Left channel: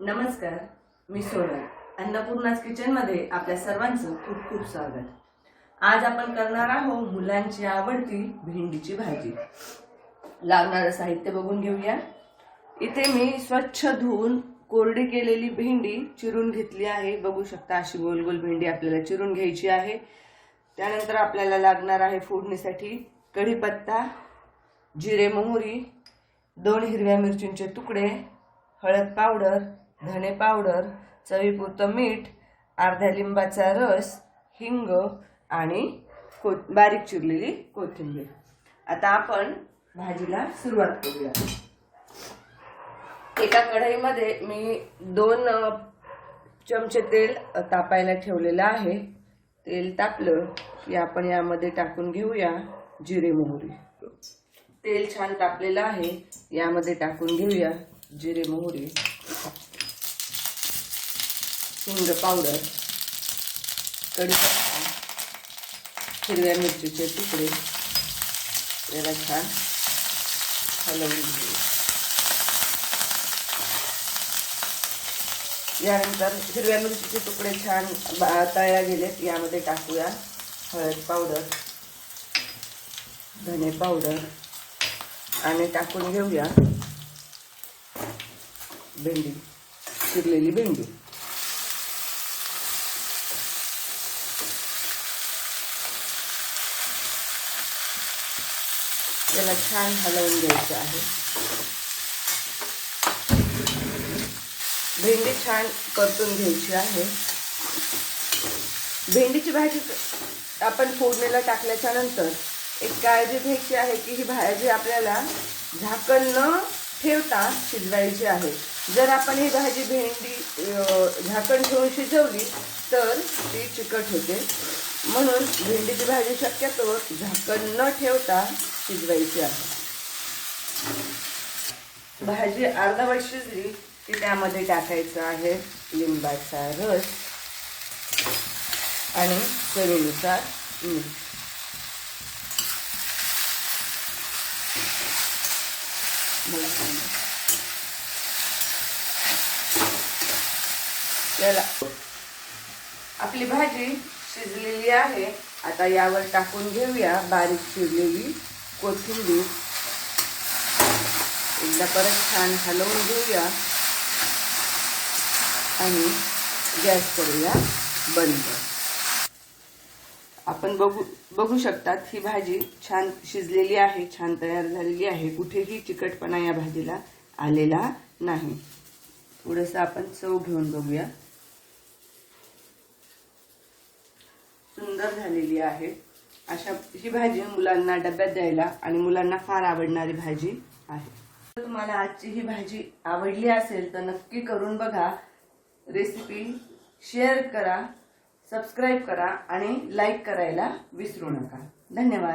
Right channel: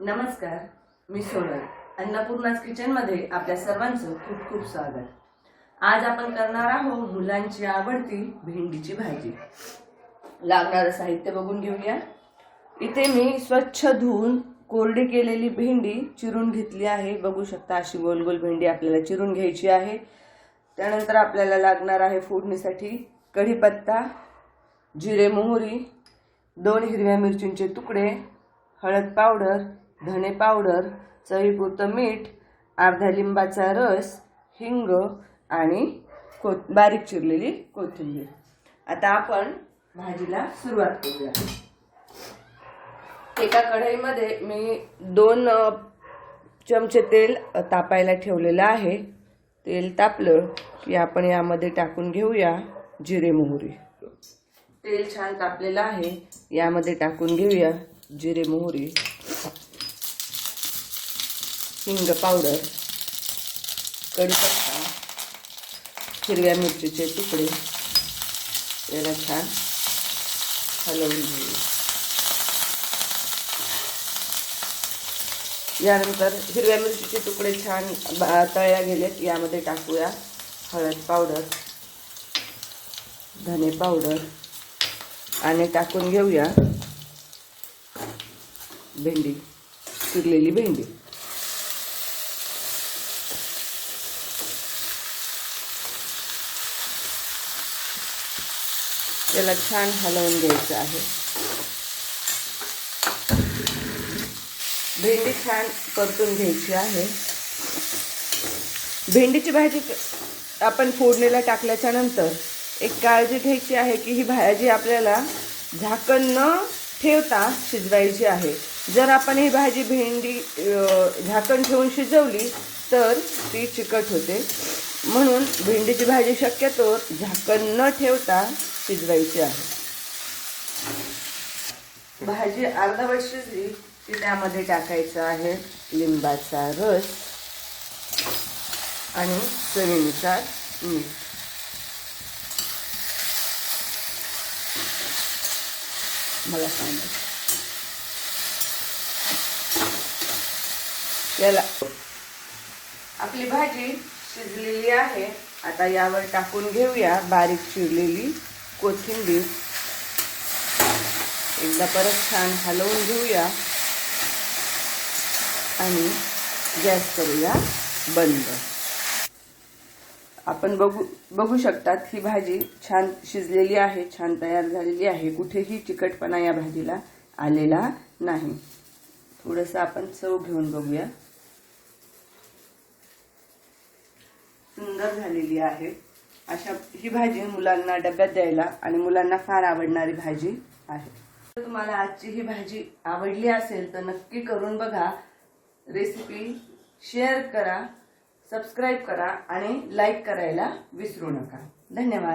नमस्कार मी सोनल. अन्नपूर्णाज किचनमध्ये आपल्या सर्वांचं खूप खूप स्वागत. आज आपण करणार आहोत मुलांची आवडती भेंडीची भाजी. लागणारं साहित्य बघून घेऊया. इथे मी स्वच्छ धुवून कोरडी केलेली भेंडी चिरून घेतली आहे. बघू शकता अशी गोल गोल भेंडी आपल्याला चिरून घ्यायची आहे. त्यानंतर आपल्याला लागणार आहे फोडणीसाठी कढीपत्ता जिरे मोहरी दोन हिरव्या मिरचींचे तुकडे हळद पावडर धने पावडर चवीपुरतं मीठ अर्ध्या लिंबाचा रस हिंग आणि को बारीक चिरलेली कोथिंबीर. आता आपण भाजीला सुरुवात करूया. एका कढईमध्ये मी दोन चमचे तेल तापायला ठेवलेलं आहे. तेल तापलं की आपण यामध्ये टाकून घेऊया जिरे मोहरी. तेल छान तापलेलं आहे. यामध्ये टाकून घेऊया जिरे मोहरी. हिंग पावडर कढीपत्ता हिरव्या मिरचीचे तुकडे याला छान हलवून घेऊ यानंतर हिरव्या मिरचीचे तुकडे छान तळ्या गेलेत. यामध्ये टाकूया हळद पावडर धने पावडर आणि टाकून घेऊया भेंडी चिरलेली भेंडी. त्याला छान हलवून घ्यायचं आहे. भेंडी छान परतून घ्यायची आहे. भेंडीची भाजी आपण फोडणीला टाकल्याच्या नंतर एक काळजी घ्यायची आहे की ही भाजी आपल्याला झाकण न ठेवता शिजवायची आहे. जर आपण ही भाजी भेंडी झाकण ठेवून शिजवली तर ती चिकट होते. म्हणून भेंडीची भाजी शक्यतो झाकण न ठेवता शिजवायची आहे. भाजी अर्धवट शिजली की त्यामध्ये टाकायचं आहे लिंबाचा रस आणि चवीनुसार मीठ. मला सांगा. याला आपली भाजी शिजलेली आहे. आता यावर टाकून घेऊया बारीक चिरलेली कोथिंबीर. एकदा परत छान हलवून घेऊया. आणि गॅस करूया बंद. आपण बघू बघू शकतात ही भाजी छान शिजलेली आहे छान तयार झालेली आहे. कुठेही चिकटपणा या भाजीला आलेला नाही. थोडंसं आपण चव घेऊन बघूया. सुंदर झालेली आहे. अशा ही भाजी मुलांना डब्यात द्यायला आणि मुलांना फार आवडणारी भाजी आहे. तर तुम्हाला आजची ही भाजी आवडली असेल तर नक्की करून बघा. रेसिपी शेअर करा सबस्क्राईब करा आणि लाईक करायला विसरू नका. धन्यवाद.